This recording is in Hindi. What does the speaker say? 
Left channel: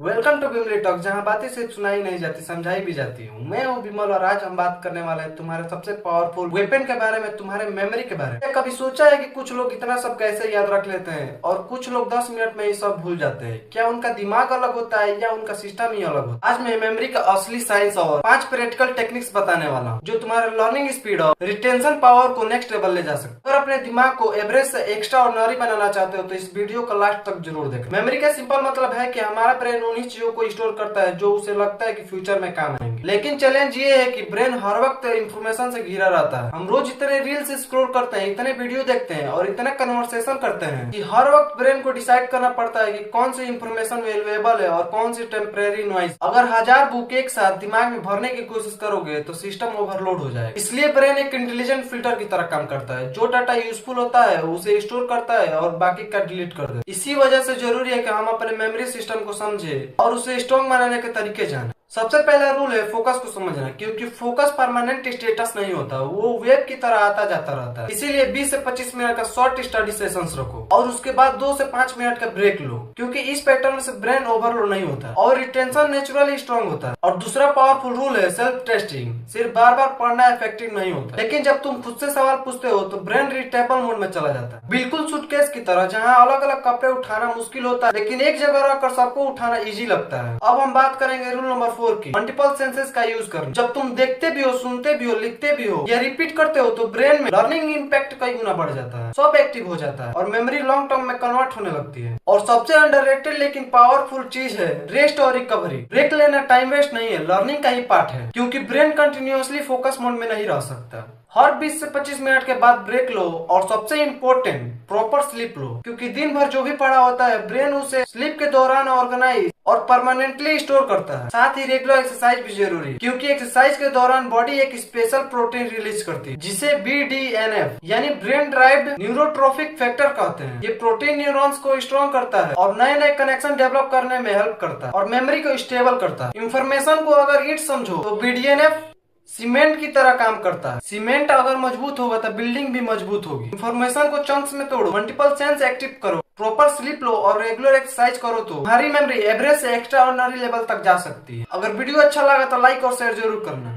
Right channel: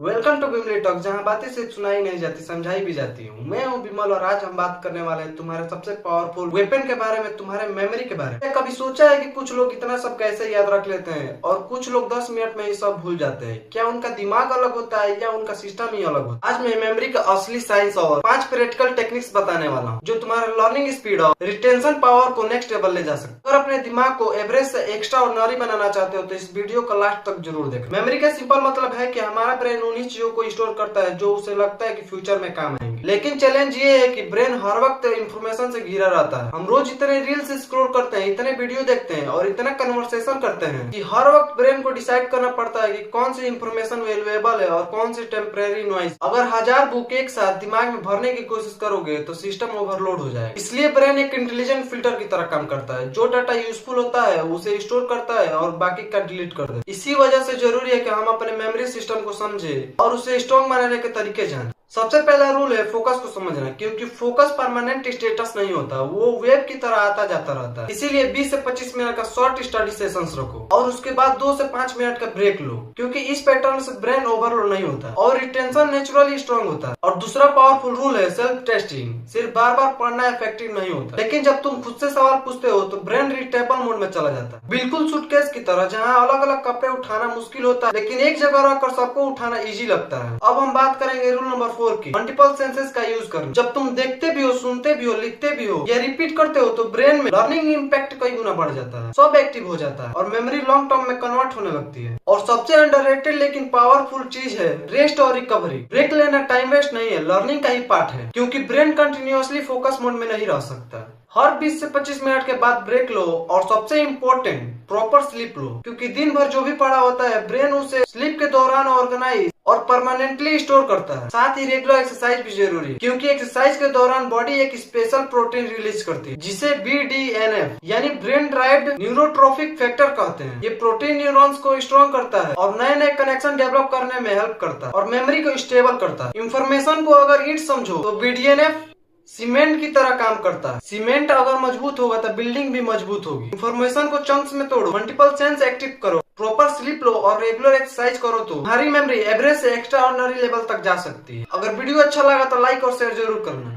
वेलकम टू बिमली टॉक, जहां बातें सिर्फ सुनाई नहीं जाती, समझाई भी जाती हूँ। मैं हूँ बिमल और आज हम बात करने वाले हैं तुम्हारे सबसे पावरफुल वेपन के बारे में, तुम्हारे मेमोरी के बारे में। कभी सोचा है कि कुछ लोग इतना सब कैसे याद रख लेते हैं और कुछ लोग 10 मिनट में ये सब भूल जाते हैं? क्या उनका दिमाग अलग होता है या उनका सिस्टम ही अलग होता है? आज मैं मेमोरी का असली साइंस और 5 प्रैक्टिकल टेक्निक्स बताने वाला हूँ जो तुम्हारे लर्निंग स्पीड और रिटेंशन पावर को नेक्स्ट लेवल ले जा सकते। अगर अपने दिमाग को एवरेज से एक्स्ट्रा ऑर्डिनरी बनाना चाहते हो तो इस वीडियो को लास्ट तक जरूर देखें। मेमोरी का सिंपल मतलब है कि हमारा ब्रेन उन्हीं चीजों को स्टोर करता है जो उसे लगता है कि फ्यूचर में काम आएंगे। लेकिन चैलेंज ये है कि ब्रेन हर वक्त इंफॉर्मेशन से घिरा रहता है। हम रोज इतने रील्स स्क्रॉल करते हैं, इतने वीडियो देखते हैं और इतना कन्वर्सेशन करते हैं कि हर वक्त ब्रेन को डिसाइड करना पड़ता है कि कौन सी इंफॉर्मेशन वैल्यूएबल है और कौन सी टेम्परेरी नॉइज। अगर 1000 बुक एक साथ दिमाग में भरने की कोशिश करोगे तो सिस्टम ओवरलोड हो जाएगा। इसलिए ब्रेन एक इंटेलिजेंट फिल्टर की तरह काम करता है। जो डाटा यूजफुल होता है उसे स्टोर करता है और बाकी का डिलीट कर देता है। इसी वजह से जरूरी है कि हम अपने मेमोरी सिस्टम को समझे और उसे स्ट्रॉन्ग बनाने के तरीके जाने। सबसे पहला रूल है फोकस को समझना, क्योंकि फोकस परमानेंट स्टेटस नहीं होता, वो वेव की तरह आता जाता रहता है। इसीलिए 20 से 25 मिनट का शॉर्ट स्टडी सेशंस रखो और उसके बाद 2 से 5 मिनट का ब्रेक लो, क्योंकि इस पैटर्न से ब्रेन ओवरलोड नहीं होता और रिटेंशन नेचुरली स्ट्रॉन्ग होता है। और दूसरा पावरफुल रूल है सेल्फ टेस्टिंग। सिर्फ बार बार पढ़ना इफेक्टिव नहीं होता, लेकिन जब तुम खुद से सवाल पूछते हो तो ब्रेन रिटेबल मोड में चला जाता है, बिल्कुल सूटकेस की तरह, जहाँ अलग अलग कपड़े उठाना मुश्किल होता है लेकिन एक जगह रखकर सबको उठाना इजी लगता है। अब हम बात करेंगे रूल नंबर 4 की, मल्टीपल सेंसेस का यूज करना। जब तुम देखते भी हो, सुनते भी हो, लिखते भी हो या रिपीट करते हो तो ब्रेन में लर्निंग इम्पैक्ट कई गुना बढ़ जाता है, सब एक्टिव हो जाता है और मेमोरी लॉन्ग टर्म में कन्वर्ट होने लगती है। और सबसे अंडररेटेड लेकिन पावरफुल चीज है रेस्ट और रिकवरी। ब्रेक लेना टाइम वेस्ट नहीं है, लर्निंग का ही पार्ट है, क्योंकि ब्रेन कंटिन्यूअसली फोकस मोड में नहीं रह सकता। हर 20 से 25 मिनट के बाद ब्रेक लो और सबसे इम्पोर्टेंट प्रॉपर स्लीप लो, क्योंकि दिन भर जो भी पढ़ा होता है ब्रेन उसे स्लीप के दौरान ऑर्गेनाइज और परमानेंटली स्टोर करता है। साथ ही रेगुलर एक्सरसाइज भी जरूरी है, क्योंकि एक्सरसाइज के दौरान बॉडी एक स्पेशल प्रोटीन रिलीज करती है जिसे BDNF यानी ब्रेन ड्राइव्ड न्यूरोट्रोफिक फैक्टर कहते हैं। ये प्रोटीन न्यूरॉन्स को स्ट्रॉन्ग करता है और नए नए कनेक्शन डेवलप करने में हेल्प करता है और मेमोरी को स्टेबल करता है। इंफॉर्मेशन को अगर ईट समझो तो BDNF सीमेंट की तरह काम करता है। सीमेंट अगर मजबूत होगा तो बिल्डिंग भी मजबूत होगी। इंफॉर्मेशन को चंक्स में तोड़ो, मल्टीपल सेंस एक्टिव करो, प्रॉपर स्लीप लो और रेगुलर एक्सरसाइज करो तो तुम्हारी मेमोरी एवरेज से एक्स्ट्रा ऑर्डिनरी लेवल तक जा सकती है। अगर वीडियो अच्छा लगा तो लाइक और शेयर जरूर करना।